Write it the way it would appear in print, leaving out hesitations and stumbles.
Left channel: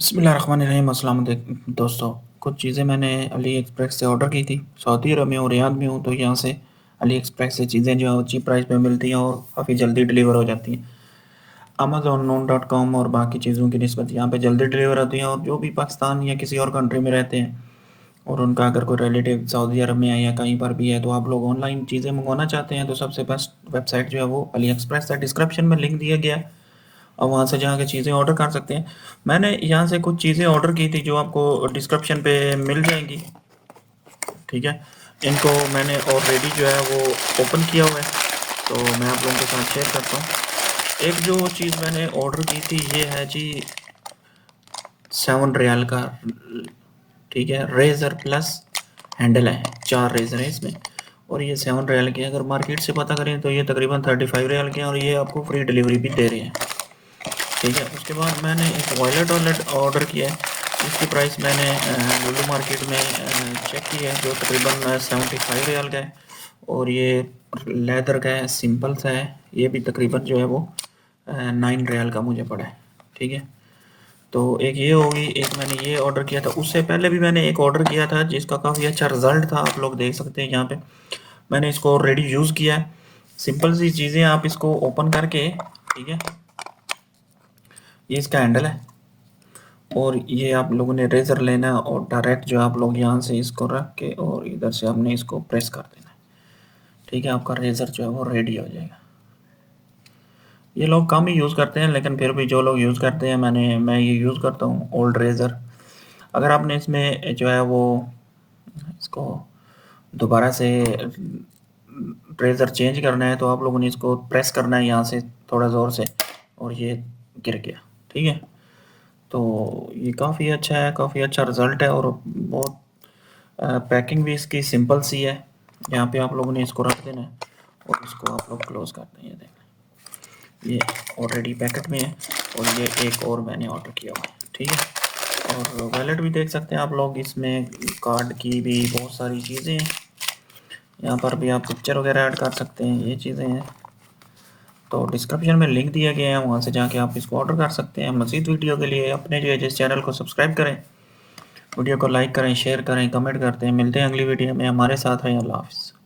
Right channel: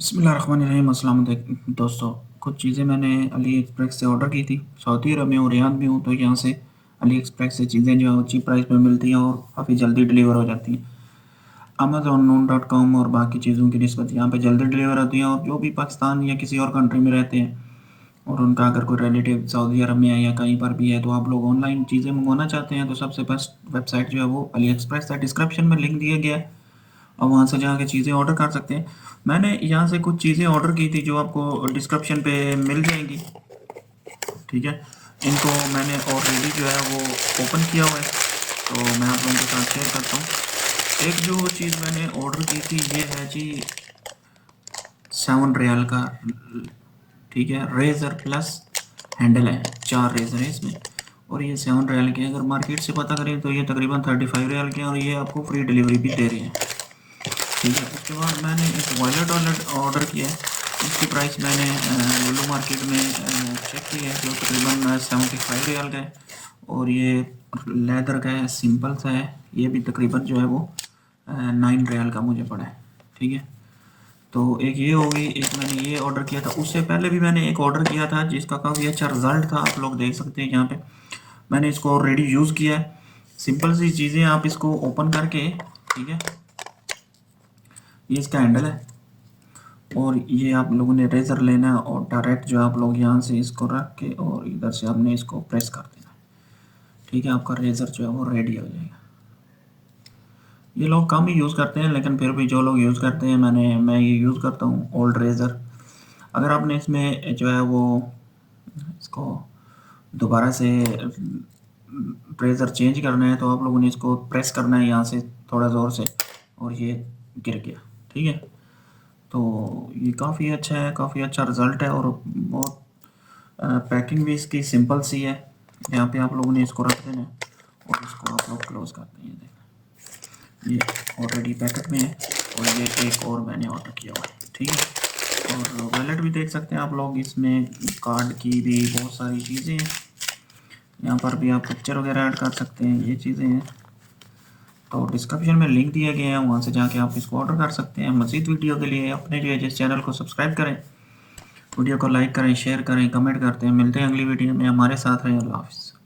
बिस्मिल्लाहिर्रहमानिर्रहीम। अस्सलाम वालेकुम दोस्तों। कुछ चीज़ें मैंने अली एक्सप्रेस से ऑर्डर की थी। सऊदी अरब में हूँ, रियाद में हूँ, तो यहाँ से अली एक्सप्रेस से चीज़ें जो है वो चीप प्राइस पे मिलती हैं और काफ़ी जल्दी डिलीवर हो जाती हैं। अमेज़न नून डॉट कॉम और बाकी चीज़ों की निस्बत यहाँ पे जल्दी डिलीवर होती हैं। और जो भी पाकिस्तान या किसी और कंट्री में रहते हैं और उनका अगर कोई रिलेटिव सऊदी अरब में है या कहीं पर भी है, तो आप लोग ऑनलाइन चीज़ें मंगवाना चाहते हैं, तो सबसे बेस्ट वेबसाइट जो है वो अली एक्सप्रेस है। डिस्क्रिप्शन में लिंक दिया गया है और वहाँ से जाके चीज़ें ऑर्डर कर सकते हैं। मैंने यहाँ से कुछ चीज़ें ऑर्डर की थी जो आपको डिस्क्रिप्शन पे मिल जाएंगी। ठीक है, इनको मैंने ऑलरेडी जो है वो ओपन किया हुआ है, तो मैं आप लोगों के साथ शेयर करता हूँ। एक जो चीज़ मैंने ऑर्डर की थी ये है जी 7 रियाल का। ठीक है, रेज़र प्लस हैंडल है, 4 रेज़र है इसमें और ये 7 रियाल के। अगर मार्केट से पता करें तो ये तकरीबन 35 रियाल के हैं और ये आपको फ्री डिलीवरी भी दे रहे हैं। ठीक है, उसके बाद मैंने एक वॉलेट वॉलेट ऑर्डर किया है। इसकी प्राइस मैंने लुलु मार्केट में चेक किया है, जो तकरीबन 75 रियाल का है और ये लेदर का है, सिंपल सा है। ये भी तकरीबन जो है वो 9 रियाल का मुझे पड़ा है। ठीक है, तो एक ये होगी, एक मैंने ये ऑर्डर किया था। उससे पहले भी मैंने एक ऑर्डर किया था जिसका काफ़ी अच्छा रिजल्ट था, आप लोग देख सकते हैं यहाँ पे। मैंने इसको ऑलरेडी यूज़ किया है। सिंपल सी चीज़ें, आप इसको ओपन करके, ठीक है, ये इसका हैंडल है और ये आप लोगों ने रेज़र लेना है और डायरेक्ट जो आप लोग यहाँ से इसको रख के और इधर से आपने इसको प्रेस कर देना है। ठीक है, आपका रेज़र जो है वो रेडी हो जाएगा। ये लोग कम ही यूज़ करते हैं, लेकिन फिर भी जो लोग यूज़ करते हैं, मैं ये यूज़ करता हूँ ओल्ड रेज़र। अगर आपने इसमें जो है वो इसको दोबारा से रेज़र चेंज करना है, तो आप लोगों ने इसको प्रेस करना है यहाँ से थोड़ा ज़ोर से और ये गिर गया। ठीक है, तो ये काफ़ी अच्छा है, काफ़ी अच्छा रिज़ल्ट है और बहुत पैकिंग भी इसकी सिंपल सी है। यहाँ पे आप लोगों ने इसको रख देना है और इसको आप लोग क्लोज़ करते हैं। देखें, ये ऑलरेडी पैकेट में है और ये एक और मैंने ऑर्डर किया हुआ है। ठीक है, और वॉलेट भी देख सकते हैं आप लोग, इसमें कार्ड की भी बहुत सारी चीज़ें हैं। यहाँ पर भी आप पिक्चर वगैरह ऐड कर सकते हैं, ये चीज़ें हैं। तो डिस्क्रिप्शन में लिंक दिया गया है, वहाँ से जाके आप इसको ऑर्डर कर सकते हैं। मज़ीद वीडियो के लिए अपने जो है जिस चैनल को सब्सक्राइब करें, वीडियो को लाइक करें, शेयर करें, कमेंट करते हैं। मिलते हैं अगली वीडियो में, हमारे साथ रहें। अल्लाह हाफ़िज़।